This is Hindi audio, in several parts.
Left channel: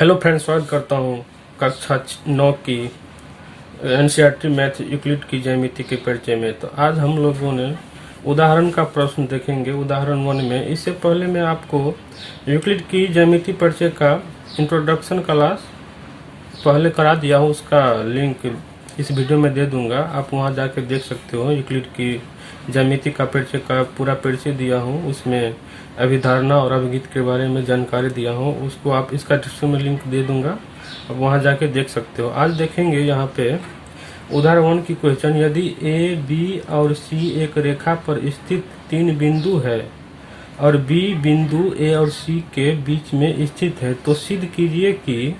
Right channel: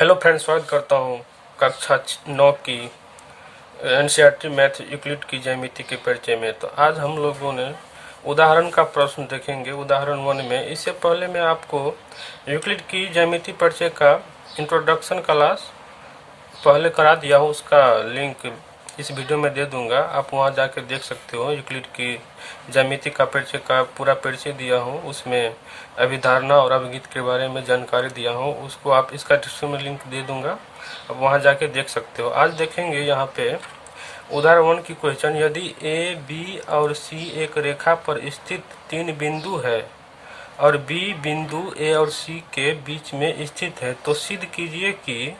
हेलो फ्रेंड्स, स्वागत करता हूँ कक्षा 9 की एनसीईआरटी मैथ यूक्लिड की ज्यामिति के परिचय में। तो आज हम लोगों ने उदाहरण का प्रश्न देखेंगे। उदाहरण 1 में इससे पहले मैं आपको यूक्लिड की ज्यामिति परिचय का इंट्रोडक्शन क्लास पहले करा दिया हूँ। उसका लिंक इस वीडियो में दे दूंगा, आप वहां जाके देख सकते हो। यूक्लिड की ज्यामिति का परिचय का पूरा परिचय दिया हूँ, उसमें अभिधारणा और अभिगीत के बारे में जानकारी दिया हूँ। उसको आप इसका डिस्क्रिप्शन में लिंक दे दूंगा, आप वहां जाके देख सकते हो। आज देखेंगे यहाँ पे उदाहरण 1 की क्वेश्चन। यदि ए, बी और सी एक रेखा पर स्थित 3 बिंदु है और बी बिंदु ए और सी के बीच में स्थित है, तो सिद्ध कीजिए कि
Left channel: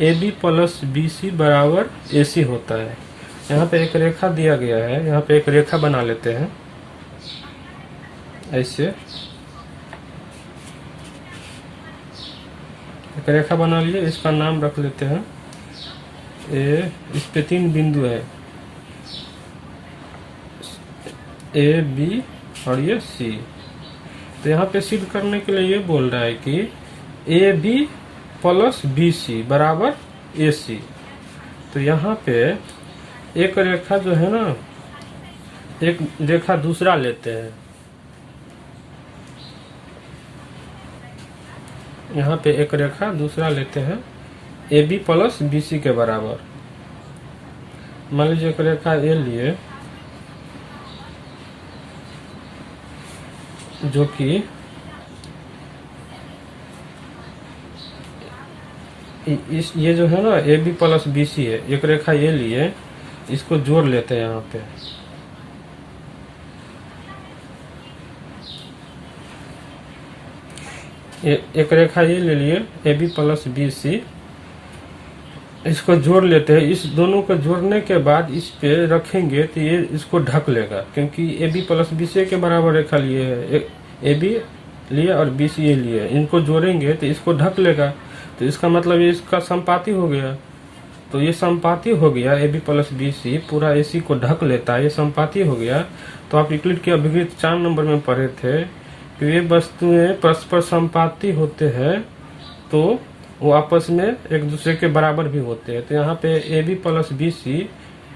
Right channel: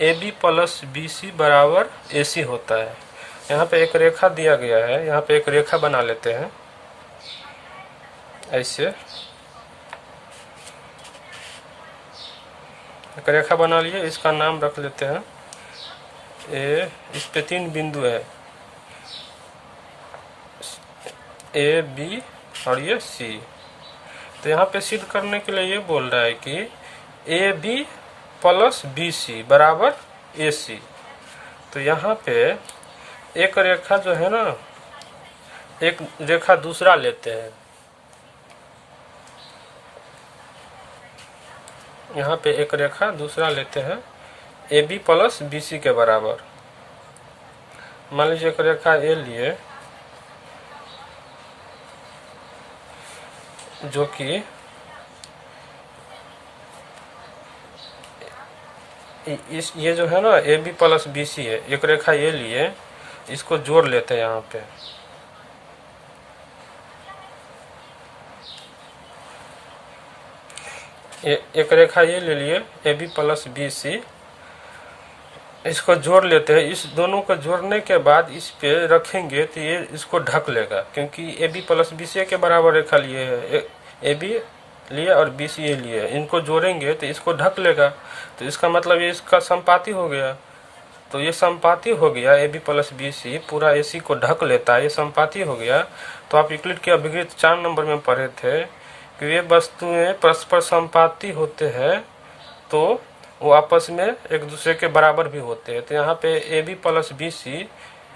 AB प्लस BC बराबर AC होता है। यहाँ पे एक रेखा दिया गया है, यहाँ पे एक रेखा बना लेते हैं ऐसे। एक रेखा बना लिए, इसका नाम रख लेते हैं A। इस पे 3 बिंदु है, A, B और ये C। तो यहाँ पे सिद्ध करने के लिए ये बोल रहा है कि AB प्लस BC बराबर AC। तो यहाँ पे एक रेखा जो है ना, एक रेखा दूसरा लेते हैं। यहाँ पे एक रेखा दूसरा लेते हैं AB प्लस BC के बराबर। मान लीजिए एक रेखा A लिए, जो कि ये जो है ना AB प्लस BC है। एक रेखा ये लिए, इसको जोड़ लेते हैं यहाँ पे। एक रेखा ये ले लिए AB प्लस BC, इसको जोड़ लेते हैं। इस दोनों को जोड़ने के बाद इस पे रखेंगे तो ये इसको ढक लेगा, क्योंकि AB प्लस BC के बराबर रेखा लिए है। AB लिए और BC लिए, इनको जोड़ेंगे तो इसको ढक लेगा। तो इसका मतलब ये इसका संपाती हो गया। तो ये संपाती हो गया, AB प्लस BC पूरा AC को ढक लेता है, ये संपाती हो गया। तो आप यूक्लिड के अभिगीत 4 नंबर में पढ़े थे कि ये वस्तुएं परस्पर संपाती होते हैं तो वो आपस में एक दूसरे के बराबर भी होते हैं। तो यहाँ पे AB प्लस BC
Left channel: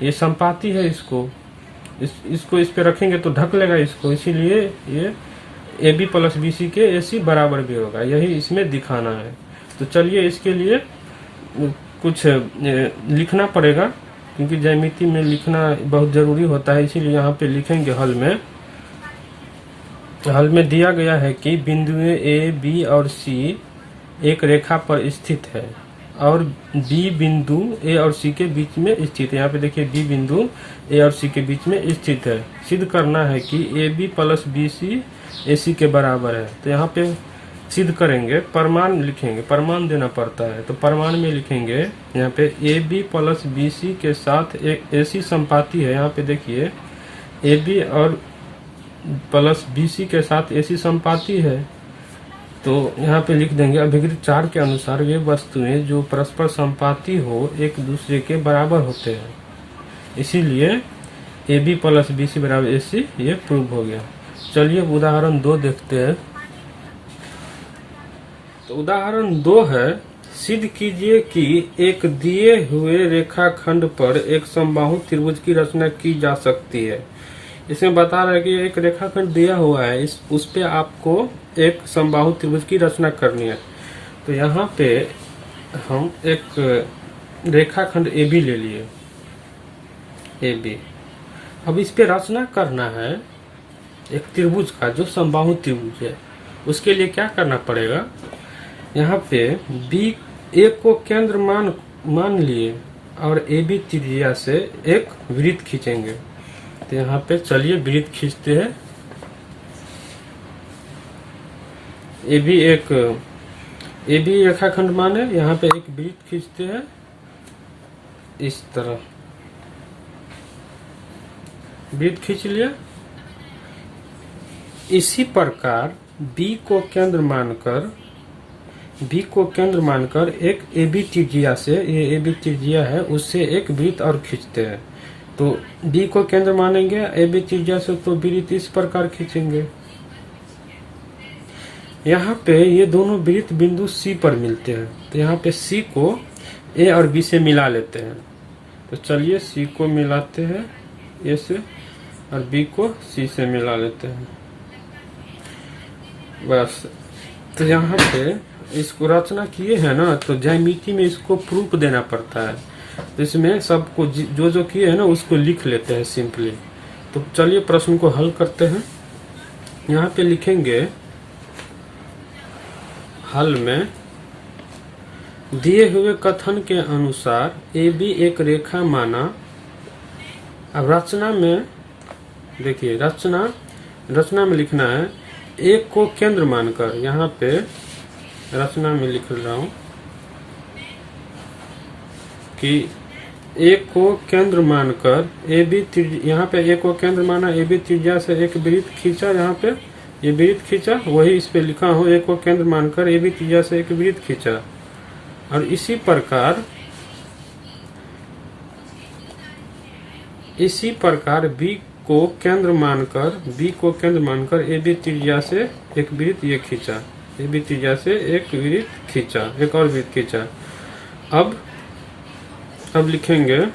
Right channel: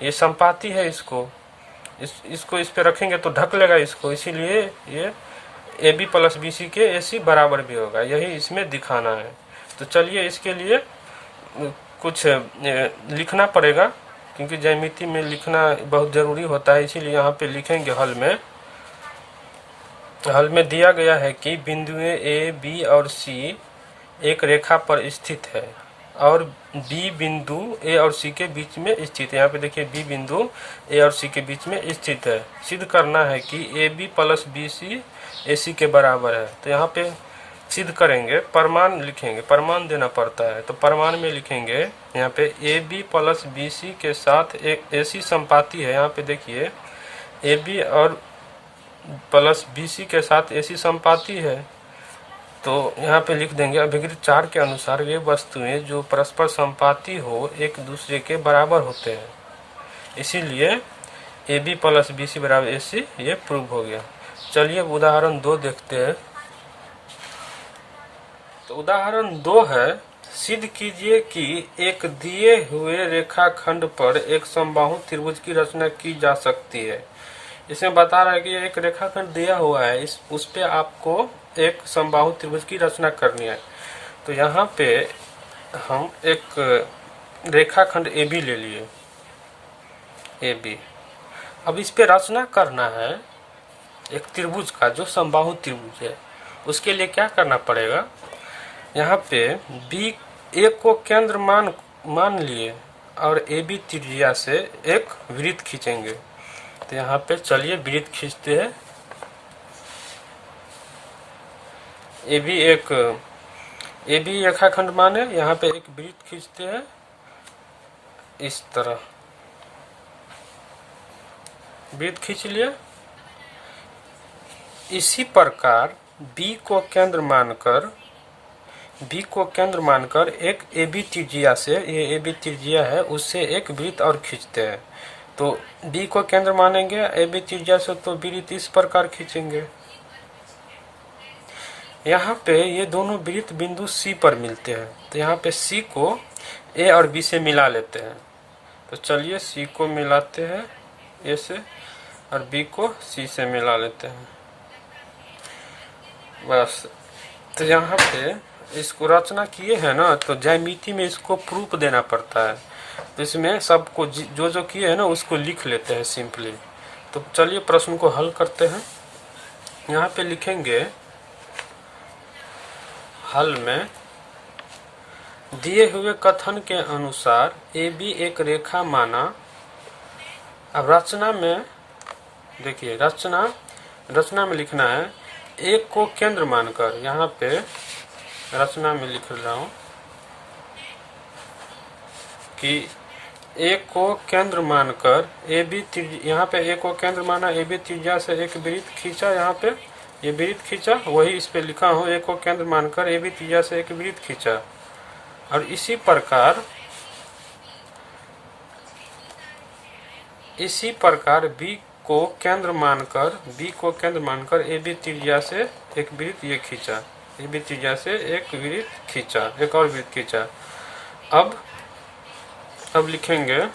ये संपाती है, इसको इस पे रखेंगे तो ढक लेगा इसको, इसीलिए ये AB प्लस BC के AC बराबर भी होगा। यही इसमें दिखाना है। तो चलिए इसके लिए कुछ लिखना पड़ेगा, क्योंकि ज्यामिति में लिखना बहुत जरूरी होता है, इसीलिए यहाँ पे लिखेंगे। हल में दिया गया है कि बिंदुएं A, B और C एक रेखा पर स्थित है और B बिंदु A और C के बीच में स्थित है। यहाँ पे देखिए B बिंदु A और C के बीच में स्थित है। सिद्ध करना है कि AB प्लस BC AC के बराबर है। तो यहाँ पे सिद्ध करेंगे, प्रमाण लिखेंगे, प्रमाण देना पड़ता है। तो प्रमाण में लिखेंगे यहाँ पे AB प्लस BC के साथ एक AC संपाती है। यहाँ पे देखिए AB और प्लस BC के साथ AC संपाती है। तो यहाँ पे लिख देंगे अभिगीत 4 के अनुसार वे वस्तुएं जो परस्पर संपाती हो एक दूसरे के बराबर होते हैं, इसीलिए AB प्लस BC बराबर AC ये प्रूव हो गया। चलिए उदाहरण 2 देखते हैं। तो उदाहरण 2 है, सिद्ध कीजिए कि एक दिए हुए रेखाखंड पर एक समबाहु त्रिभुज की रचना की जा सकती है। इसमें बता रहा है कि एक रेखाखंड दिया हुआ है, उस पे आपको एक समबाहु त्रिभुज की रचना करनी है। तो यहाँ पे हम एक रेखाखंड AB ले लिए, AB। अब इस पे रचना करना है एक त्रिभुज का, जो समबाहु त्रिभुज है। उसके लिए क्या करना पड़ेगा, यहाँ पे A को केंद्र मान लिए और AB त्रिज्या से एक वृत्त खींचेंगे। तो यहाँ पे चलिए वृत्त खींचते हैं। AB रेखाखंड माने, यहाँ पे एक वृत्त खींचते हैं इस तरह। वृत्त खींच लिया। इसी प्रकार B को केंद्र मानकर एक AB त्रिज्या से, ये AB त्रिज्या है, उससे एक वृत्त और खींचते हैं। तो B को केंद्र मानेंगे AB त्रिज्या से, तो वृत्त इस प्रकार खींचेंगे। यहाँ पे ये दोनों वृत्त बिंदु सी पर मिलते हैं, तो यहाँ पे सी को ए और बी से मिला लेते हैं। तो चलिए सी को मिलाते हैं ए से और बी को सी से मिला लेते हैं बस। तो यहाँ पे इसको रचना किए हैं ना, तो ज्यामिति में इसको प्रूफ देना पड़ता है, तो इसमें सबको जो जो किए हैं ना उसको लिख लेते हैं सिंपली। तो चलिए प्रश्न को हल करते हैं। यहाँ पे लिखेंगे हल में दिए हुए कथन के अनुसार ए बी एक रेखा माना। अब रचना में देखिए, रचना में लिखना है एक को केंद्र मानकर। यहाँ पे रचना में लिख रहा हूं कि एक को केंद्र मानकर ए बी, यहाँ पे एक को केंद्र माना, ए बी त्रिज्या से एक वृत्त खींचा। यहाँ पे ये वृत्त खींचा, वही इस पे लिखा हो एक को केंद्र मानकर ए बी त्रिज्या से एक वृत्त खींचा। और इसी प्रकार बी को केंद्र मानकर ए बी त्रिज्या से एक वृत्त ये खींचा, ए बी त्रिज्या से एक वृत्त खींचा, एक और वृत्त खींचा। अब लिखेंगे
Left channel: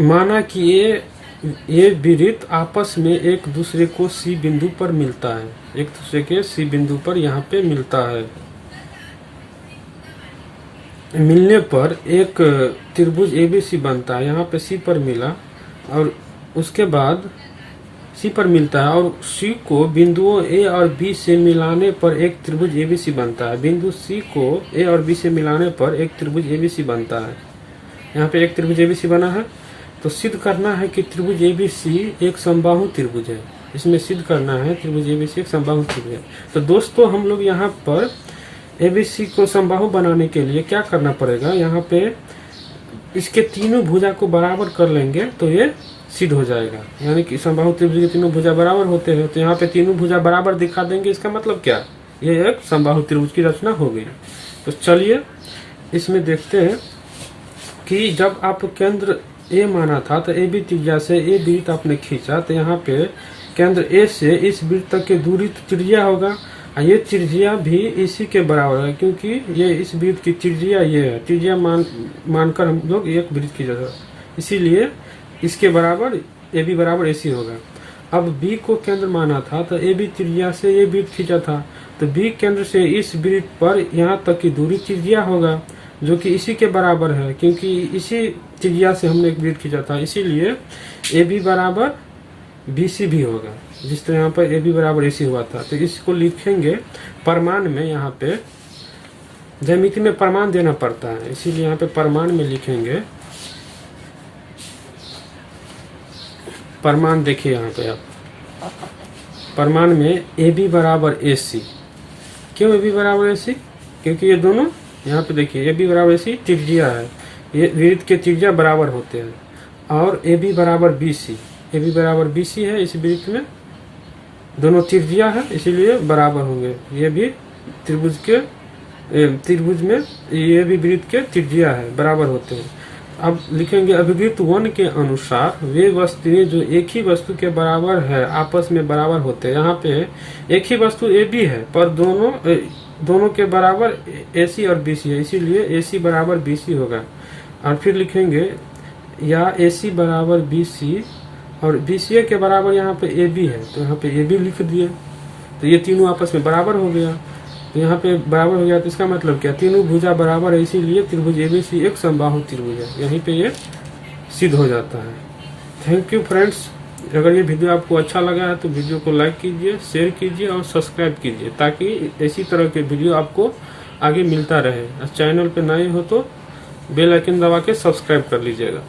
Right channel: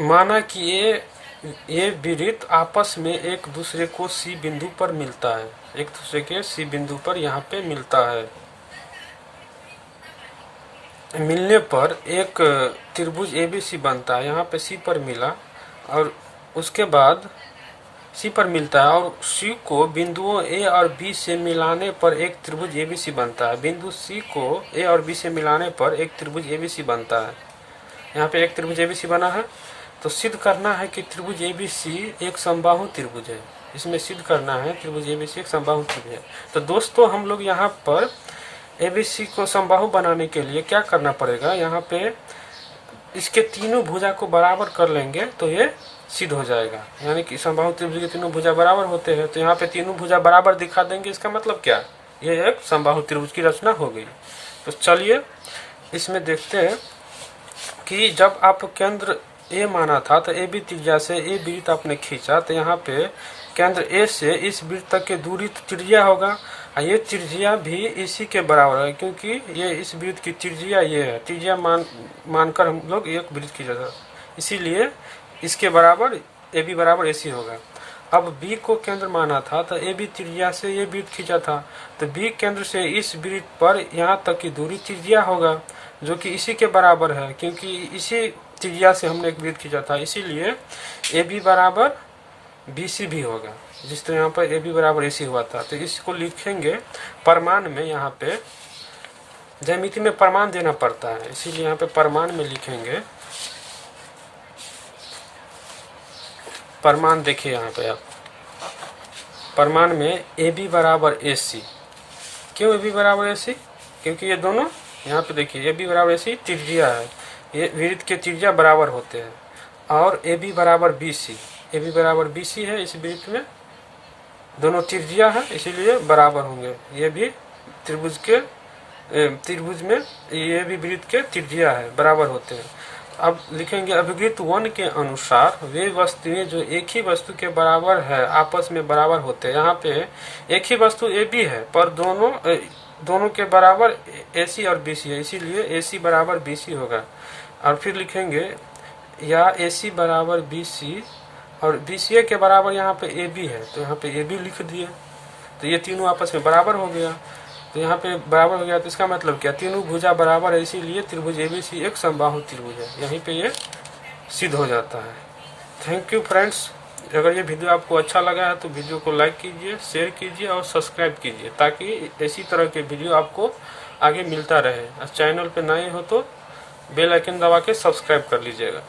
माना कि ये वृत्त आपस में एक दूसरे को सी बिंदु पर मिलता है, एक दूसरे के सी बिंदु पर यहाँ पे मिलता है। मिलने पर एक त्रिभुज एबीसी बनता है। यहाँ पे सी पर मिला और उसके बाद सी पर मिलता है और सी को बिंदुओं ए और बी से मिलाने पर एक त्रिभुज एबीसी बनता है। बिंदु सी को ए और बी से मिलाने पर एक त्रिभुज एबीसी बनता है। यहाँ पे एक त्रिभुज एबीसी बना है, तो सिद्ध करना है कि त्रिभुज एबीसी एक समबाहु त्रिभुज है। इसमें सिद्ध करना है त्रिभुज एबीसी एक समबाहु त्रिभुज है। तो दोस्तों हम लोग यहाँ पर एबीसी को समबाहु बनाने के लिए क्या करना पड़ेगा, यहाँ पे इसके तीनों भुजा को बराबर कर लेंगे तो ये सिद्ध हो जाएगा। यानी कि समबाहु त्रिभुज के तीनों भुजा बराबर होते हैं, तो यहाँ पे तीनों भुजा बराबर दिखा देंगे। इसका मतलब क्या, ये एक समबाहु त्रिभुज की रचना हो गई। तो चलिए इसमें देखते हैं कि जब आप केंद्र ए माना था तो ए बी त्रिज्या से ए वृत्त आपने खींचा, तो यहाँ पे केंद्र ए से इस वृत्त तक की दूरी त्रिज्या होगा। ये त्रिज्या भी इसी के बराबर है, क्योंकि ये इस वृत्त की त्रिज्या ये है। त्रिज्या मानकर हम लोग एक वृत्त खींचा था, इसीलिए इसके बराबर ए बी बराबर एसी होगा। अब बी को केंद्र माना था तो ए बी त्रिज्या से ये वृत्त खींचा था, तो बी केंद्र से इस वृत्त पर यहाँ तक की दूरी त्रिज्या होगा, जो कि इसी के बराबर है, क्योंकि इसी त्रिज्या से हमने एक वृत्त खींचा था। इसीलिए ए बी बराबर बी सी भी होगा, जिस तरह यहाँ पर ए बी बराबर ए सी हुआ था। तो इसको लिखेंगे परमाण में। यहाँ पे ज्यामिति में परमाण देना पड़ता है, इसीलिए यहाँ पे परमाण में लिखेंगे। परमाण देखिए यहाँ पे आप परमाण में ए बी बराबर ए सी। क्यों ए बी बराबर ए सी, क्योंकि ये दोनों यहाँ पे देखिए ए बी बराबर ए सी त्रिज्या है, ये वृत्त के त्रिज्या बराबर होते हैं। और ए बी बराबर बी सी, ए बी बराबर बी सी है, इस वृत्त में दोनों त्रिज्या है, इसीलिए बराबर होंगे। ये भी त्रिभुज में ये भी वृत्त के त्रिज्या है, बराबर होते हैं। अब लिखेंगे अभिवृत्त 1 के अनुसार वे वस्तुएं जो एक ही वस्तु के बराबर है आपस में बराबर होते हैं। यहाँ पे एक ही वस्तु ए बी है, पर दोनों के बराबर एसी और बीसी है, इसीलिए एसी बराबर बीसी होगा। और फिर लिखेंगे या एसी बराबर बीसी और बीसीए के बराबर यहाँ पे ए बी है, तो यहाँ पे ए बी लिख दिए, तो ये तीनों आपस में बराबर हो गया। तो यहाँ पे बराबर हो गया, तो इसका मतलब क्या, तीनों भुजा बराबर है, इसीलिए त्रिभुज एबीसी एक समबाहु त्रिभुज है। यहीं पे ये सिद्ध हो जाता है। Thank you friends. अगर ये वीडियो आपको अच्छा लगा है तो वीडियो को लाइक कीजिए, शेयर कीजिए और सब्सक्राइब कीजिए, ताकि इसी तरह के वीडियो आपको आगे मिलता रहे। चैनल पे नए हो तो बेल आइकन दबा के सब्सक्राइब कर लीजिएगा।